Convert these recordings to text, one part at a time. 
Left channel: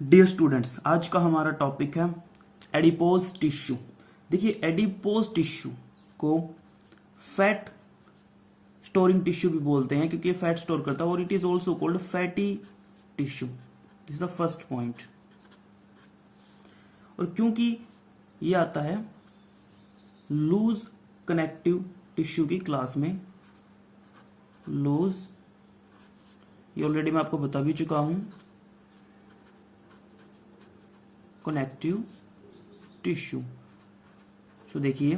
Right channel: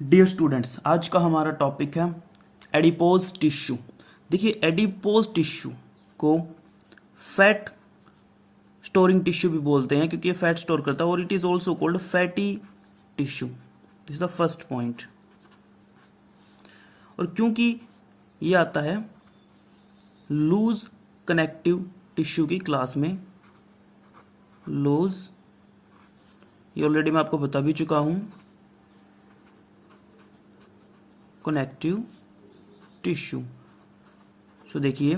Dear students, आज का हमारा टॉपिक है एडिपोज टिश्यू। देखिए, एडिपोज टिश्यू को फैट स्टोरिंग टिश्यू भी बोलते हैं क्योंकि ये फैट स्टोर करता है, और it is also called fatty tissue. This is the first point. और क्योंकि ये आता है लूज कनेक्टिव टिश्यू की क्लास में, लूज, ये ऑलरेडी मैं आपको बता भी चुका हूं, कनेक्टिव टिश्यू। सो देखिए,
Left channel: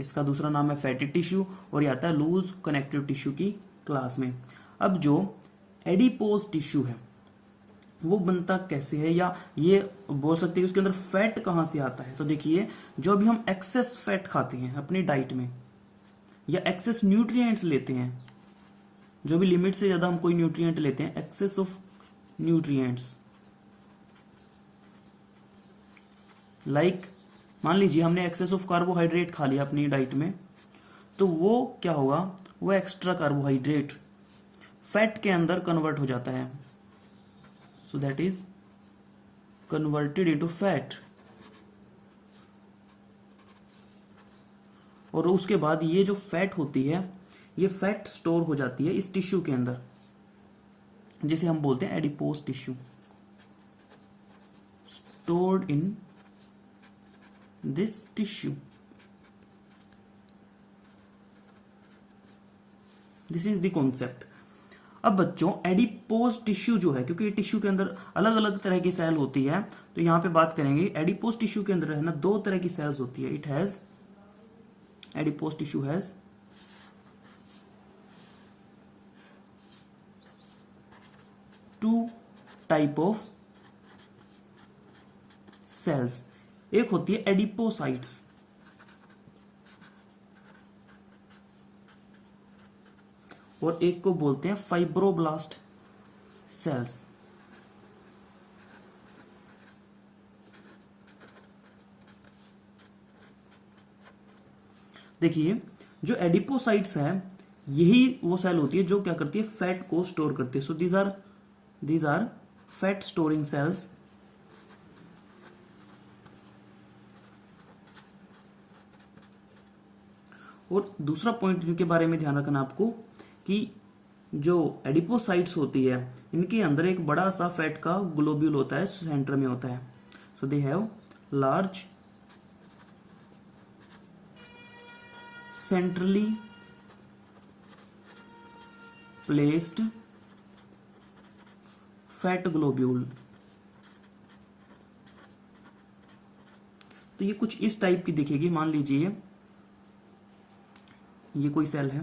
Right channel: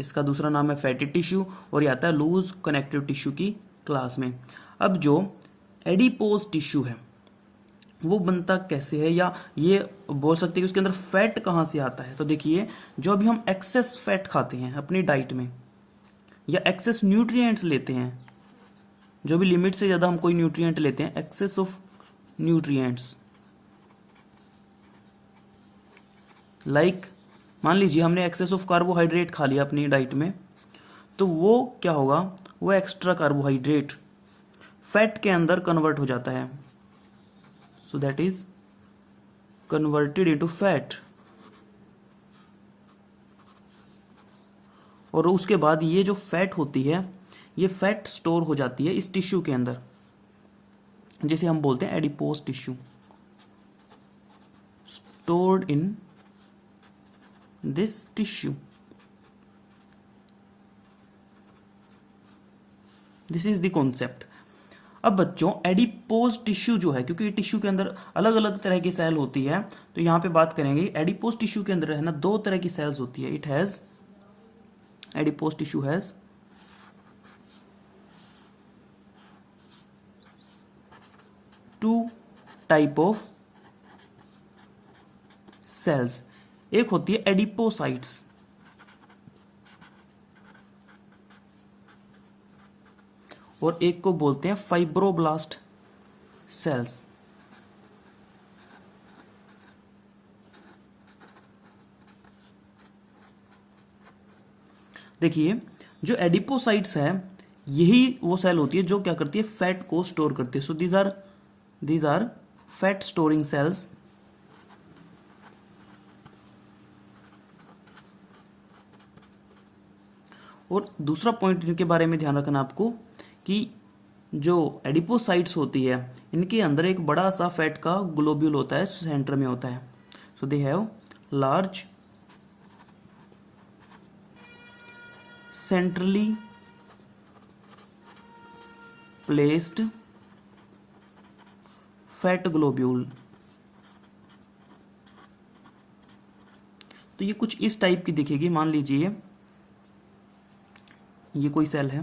इसका दूसरा नाम है फैटी टिश्यू और ये आता है लूज कनेक्टिव टिश्यू की क्लास में। अब जो एडिपोज टिश्यू है वो बनता कैसे है, या ये बोल सकते हैं कि उसके अंदर फैट कहाँ से आता है। तो देखिए, जो अभी हम एक्सेस फैट खाते हैं अपनी डाइट में, या एक्सेस न्यूट्रिएंट्स लेते हैं, जो भी लिमिट से ज़्यादा हम कोई न्यूट्रिएंट लेते हैं, एक्सेस ऑफ न्यूट्रिएंट्स, लाइक मान लीजिए हमने एक्सेस ऑफ कार्बोहाइड्रेट खा लिया अपनी डाइट में, तो वो क्या होगा, वो एक्स्ट्रा कार्बोहाइड्रेट फैट के अंदर कन्वर्ट हो जाता है। So that is converted into fat. और उसके बाद ये जो फैट होती है, ये फैट स्टोर हो जाती है इस टिश्यू के अंदर, जिसे हम बोलते हैं adipose tissue, stored in this tissue. This is the concept. अब बच्चों, एडिपोज टिश्यू जो है, क्योंकि टिश्यू के अंदर अलग अलग तरह की सेल होती है, तो यहां पे बात करेंगे एडिपोज टिश्यू के अंदर है ना, दो तरह की सेल्स होती है। It has, adipose tissue has two type of cells. एक होती है एडिपोसाइट्स, और एक को बोलते हैं फाइब्रोब्लास्ट सेल्स। देखिए, जो एडिपोसाइट्स है, यही वो सेल होती है जो क्या करती है, फैट को स्टोर करती है। So these are fat storing cells. और दूसरा पॉइंट इनके बारे में ध्यान रखना आपको, कि जो एडिपोसाइट्स होती है, इनके अंदर एक बड़ा सा फैट का ग्लोब्यूल होता है, सेंटर में होता है। So they have large centrally placed fat globule. तो ये कुछ इस टाइप की दिखेगी। मान लीजिए ये कोई सेल है।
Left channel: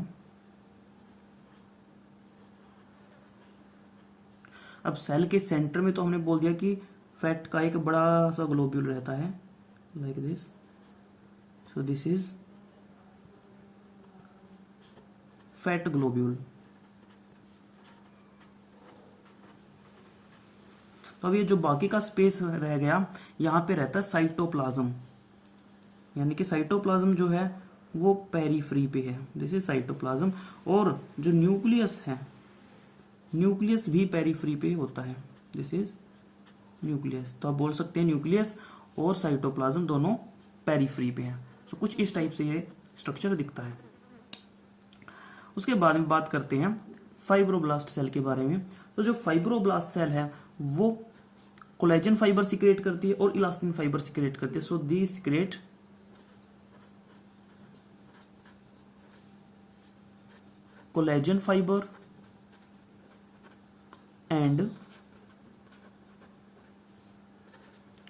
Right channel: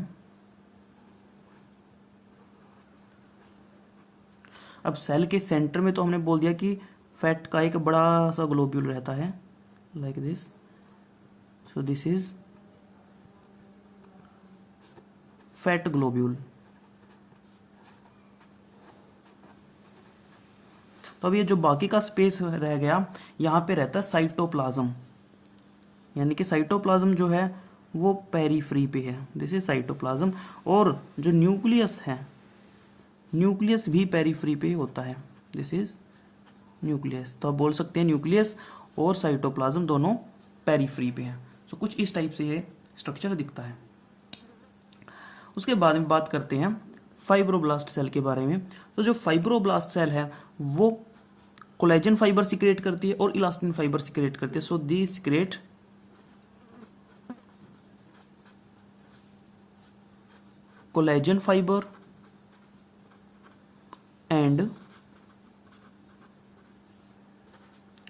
अब सेल के सेंटर में तो हमने बोल दिया कि फैट का एक बड़ा सा ग्लोब्यूल रहता है, like this. So this is fat globule. तो अब ये जो बाकी का स्पेस रह गया, यहां पे रहता है साइटोप्लाज्म, यानी कि साइटोप्लाज्म जो है वो पेरीफ्री पे है। This is cytoplasm. और जो न्यूक्लियस है, न्यूक्लियस भी पेरीफ्री पे होता है। This is nucleus. तो आप बोल सकते हैं न्यूक्लियस और साइटोप्लाज्म दोनों पेरीफ्री पे हैं। सो कुछ इस टाइप से ये स्ट्रक्चर दिखता है। उसके बाद में बात करते हैं फाइब्रोब्लास्ट सेल के बारे में। तो जो फाइब्रोब्लास्ट सेल है वो कोलेजन फाइबर सिक्रेट करती है और इलास्टिन फाइबर सिक्रेट करती है। So the secrete collagen fibre and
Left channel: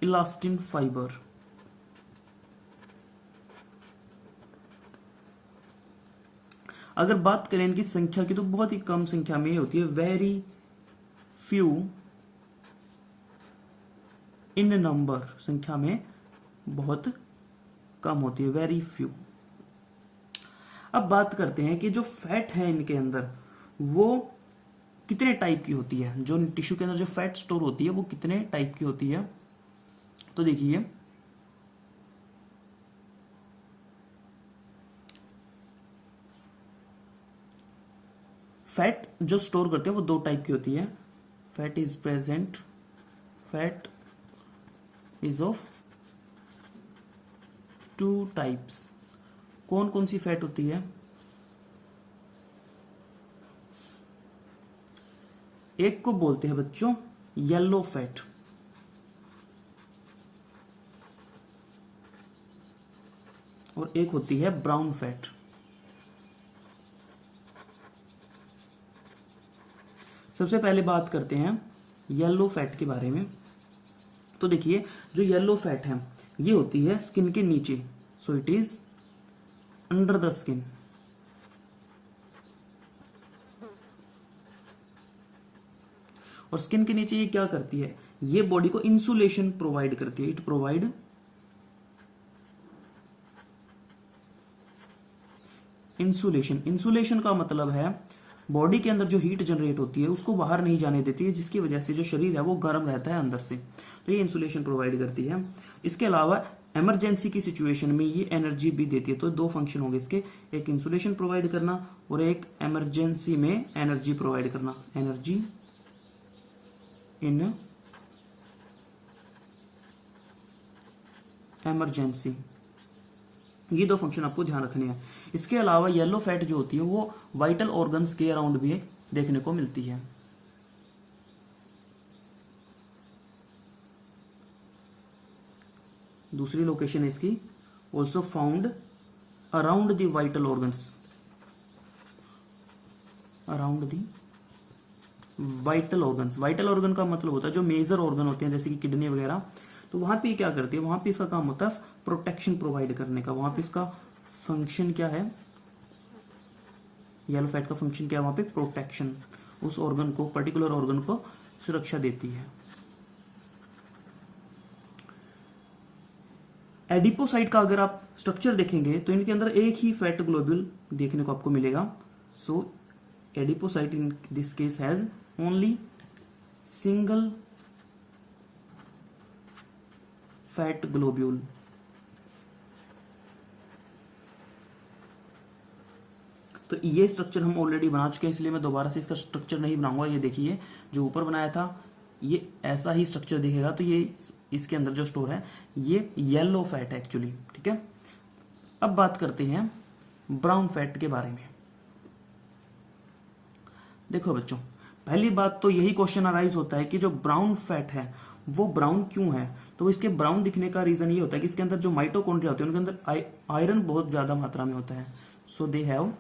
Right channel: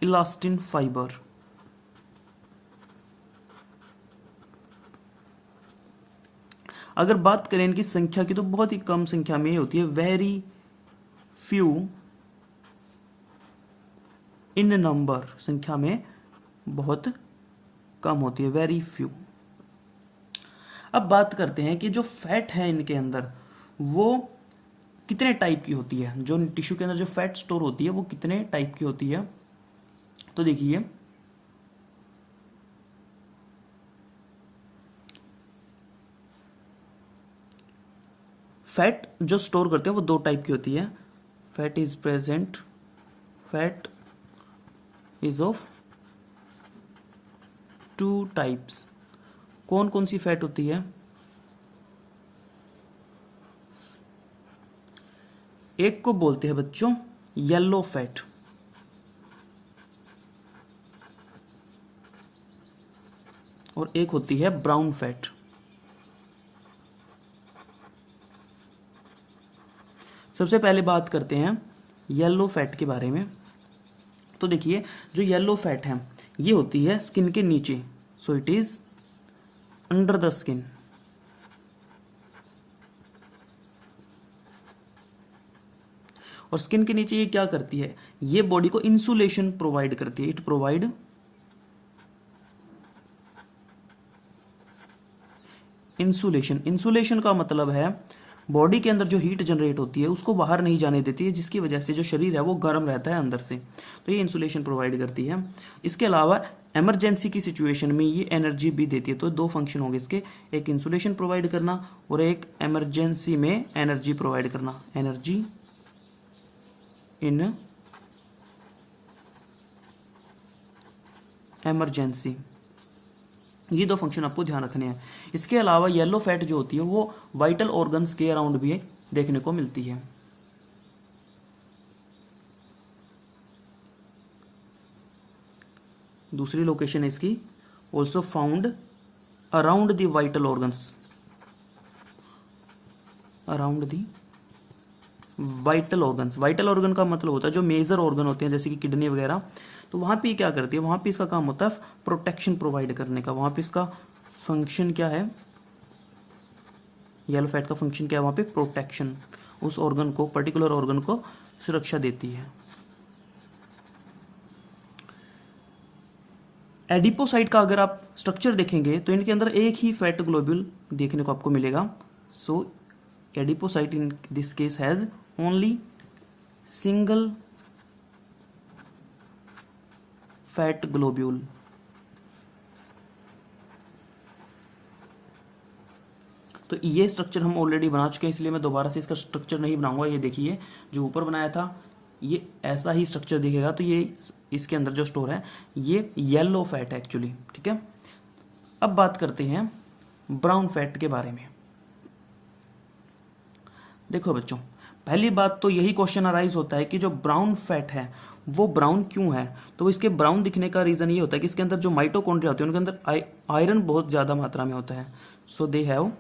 elastin fibre. अगर बात करें इनकी संख्या की, तो बहुत ही कम संख्या में ये होती है, वेरी फ्यू इन नंबर, संख्या में बहुत कम होती है, वेरी फ्यू। अब बात करते हैं कि जो फैट है इनके अंदर वो कितने टाइप की होती है। जो टिश्यू के अंदर जो फैट स्टोर होती है वो कितने टाइप की होती है। तो देखिए, फैट जो स्टोर करते हैं वो दो टाइप की होती है। Fat is present, fat is of two types. कौन कौन सी फैट होती है? एक को बोलते हैं बच्चों येलो फैट, और एक होती है ब्राउन फैट। सबसे पहले बात करते हैं येलो फैट के बारे में। तो देखिए जो येलो फैट है ये होती है स्किन के नीचे, so it is under the skin. और स्किन के नीचे ये क्या करती है? ये बॉडी को इंसुलेशन प्रोवाइड करती है। It provide insulation. इंसुलेशन का मतलब है बॉडी के अंदर जो हीट जनरेट होती है उसको बाहर नहीं जाने देती है, जिसकी वजह से जो शरीर है वो गर्म रहता है अंदर से। तो ये इंसुलेशन प्रोवाइड करती है। इसके अलावा इमरजेंसी की सिचुएशन में ये एनर्जी भी देती है। तो दो फंक्शन होंगे इसके, एक इंसुलेशन प्रोवाइड करना और एक इमरजेंसी में एनर्जी प्रोवाइड करना। एनर्जी इन इमरजेंसी, ये दो फंक्शन आपको ध्यान रखने हैं। इसके अलावा येलो फैट जो होती है वो वाइटल ऑर्गन्स के अराउंड भी देखने को मिलती है। दूसरी लोकेशन है इसकी, also found around the vital organs, around the vital organs. Vital organ का मतलब होता है जो मेजर ऑर्गन होते हैं जैसे कि किडनी वगैरह, तो वहां पे क्या करती है, वहां पे इसका काम होता है प्रोटेक्शन प्रोवाइड करने का। वहां पे इसका फंक्शन क्या है, येलो फैट का फंक्शन क्या है वहां पे? प्रोटेक्शन। उस ऑर्गन को, पर्टिकुलर ऑर्गन को सुरक्षा देती है। एडिपोसाइट का अगर आप स्ट्रक्चर देखेंगे तो इनके अंदर एक ही फैट ग्लोब्यूल देखने को आपको मिलेगा। So adipocyte in this case has only single fat globule. तो ये स्ट्रक्चर हम ऑलरेडी बना चुके हैं, इसलिए मैं दोबारा से इसका स्ट्रक्चर नहीं बनाऊंगा। ये देखिए जो ऊपर बनाया था ये ऐसा ही स्ट्रक्चर दिखेगा। तो ये इसके अंदर जो स्टोर है ये येलो फैट है एक्चुअली, ठीक है। अब बात करते हैं ब्राउन फैट के बारे में। देखो बच्चों, पहली बात तो यही क्वेश्चन अराइज होता है कि जो ब्राउन फैट है वो ब्राउन क्यों है? तो इसके ब्राउन दिखने का रीजन ये होता है कि इसके अंदर जो माइटोकॉन्ड्रिया होते हैं उनके अंदर आयरन बहुत ज्यादा मात्रा में होता है। So they have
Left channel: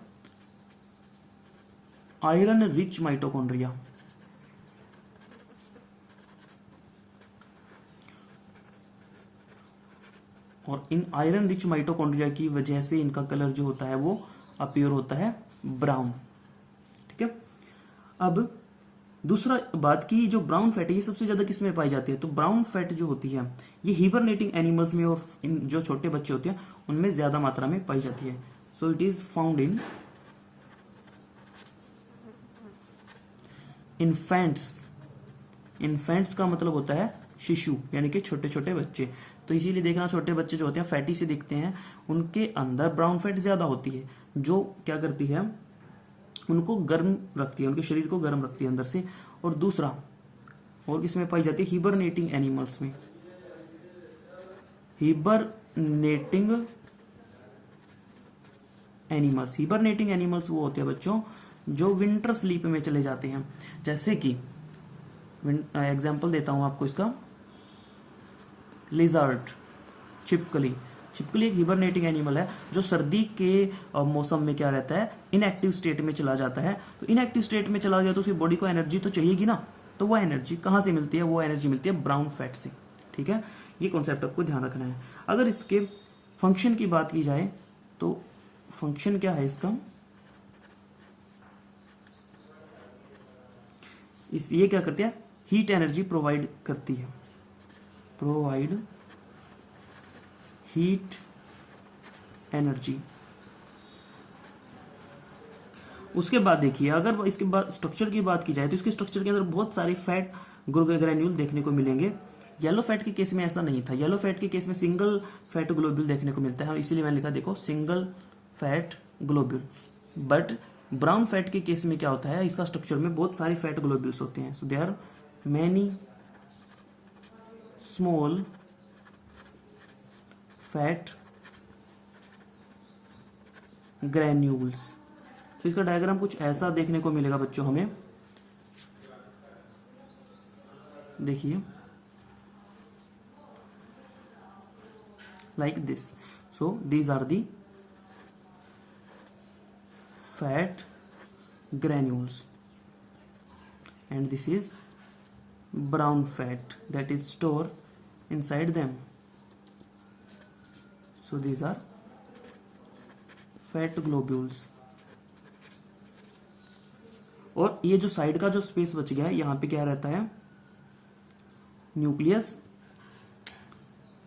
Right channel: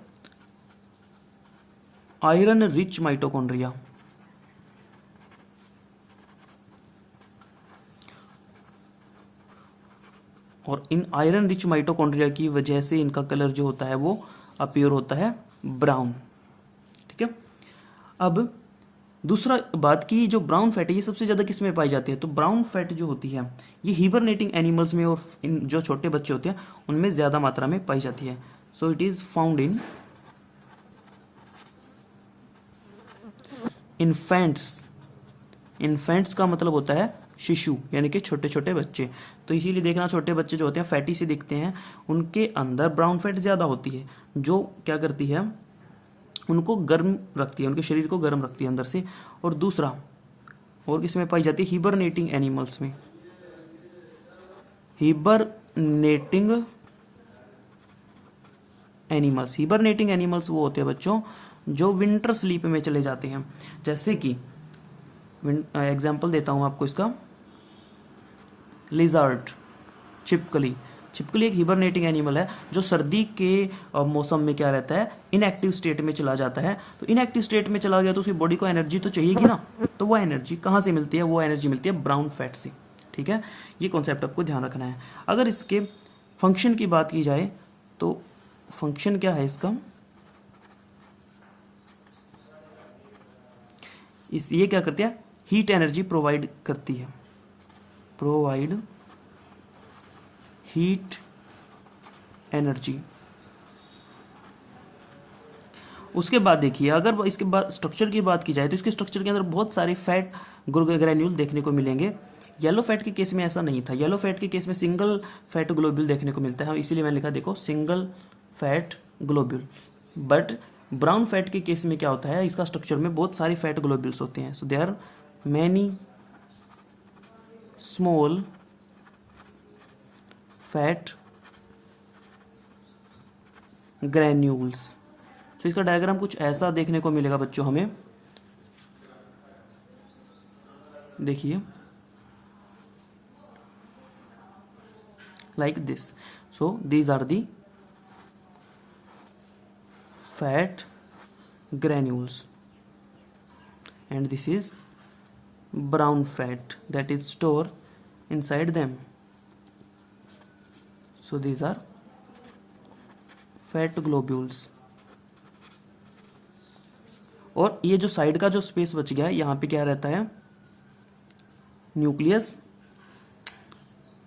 iron rich mitochondria. और इन आयरन रिच माइटोकॉन्ड्रिया की वजह से इनका कलर जो होता है वो अपीयर होता है ब्राउन, ठीक है। अब दूसरा बात की जो ब्राउन फैट है ये सबसे ज्यादा किस में पाई जाती है? तो ब्राउन फैट जो होती है ये हिबरनेटिंग एनिमल्स में और इन जो छोटे बच्चे होते हैं उनमें ज्यादा मात्रा में पाई जाती है। So it is found in infants. Infants का मतलब होता है शिशु, यानी कि छोटे छोटे बच्चे। तो इसीलिए देखना छोटे बच्चे जो होते हैं फैटी से दिखते हैं, उनके अंदर ब्राउन फैट ज्यादा होती है जो क्या करती है, उनको गर्म रखती है, उनके शरीर को गर्म रखती है अंदर से। और दूसरा और किसमें पाई जाती है? हिबरनेटिंग एनिमल्स में। हिबरनेटिंग एनिमल्स, हिबरनेटिंग एनिमल्स वो होते हैं बच्चों जो विंटर स्लीप में चले जाते हैं। जैसे कि एग्जाम्पल देता हूं आपको इसका, लिजर्ड, छिपकली। छिपकली एक हिबरनेटिंग एनिमल है जो सर्दी के मौसम में क्या रहता है, इनएक्टिव स्टेट में चला जाता है। तो इनएक्टिव स्टेट में चला गया तो उसकी बॉडी को एनर्जी तो चाहिएगी ना, तो वो एनर्जी कहाँ से मिलती है? वो एनर्जी मिलती है ब्राउन फैट से, ठीक है। ये कॉन्सेप्ट आपको ध्यान रखना है। अगर इसके फंक्शन की बात की जाए तो फंक्शन क्या है इसका, ये क्या करती है? हीट एनर्जी प्रोवाइड करती है, प्रोवाइड हीट एनर्जी। उसके बाद देखिए अगर इसके बाद स्ट्रक्चर की बात की जाए तो इसके स्ट्रक्चर के अंदर बहुत सारे फैट ग्रैन्यूल देखने को मिलेंगे। येलो फैट के केस में ऐसा नहीं था। येलो फैट के केस में सिंगल फैट ग्लोब्यूल देखने को मिलता है, इसीलिए मैंने लिखा देखो single fat globule. But brown fat के केस में क्या होता है, इसका स्ट्रक्चर में बहुत सारे फैट ग्लोब्यूल्स होते हैं। So they are many small fat granules. तो इसका डायग्राम कुछ ऐसा देखने को मिलेगा बच्चों हमें, देखिए like this. So these are the fat granules and this is brown fat that is stored inside them. So these are fat globules. और ये जो साइड का जो स्पेस बच गया है यहाँ पे क्या रहता है, nucleus,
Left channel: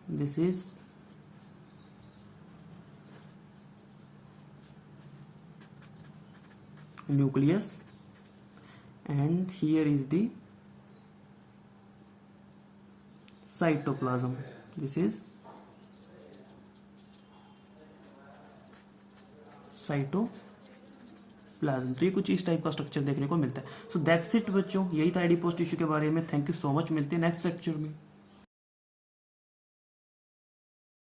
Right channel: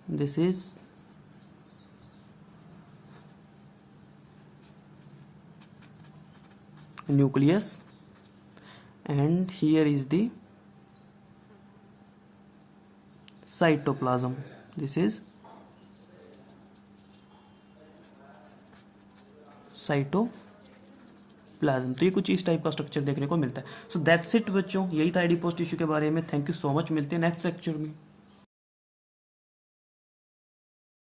this is nucleus and here is the cytoplasm, this is cytoplasm. तो ये कुछ इस टाइप का स्ट्रक्चर देखने को मिलता है। सो दैट्स इट बच्चों, यही था एडिपोज टिश्यू के बारे में। थैंक यू सो मच, मिलते हैं नेक्स्ट लेक्चर में।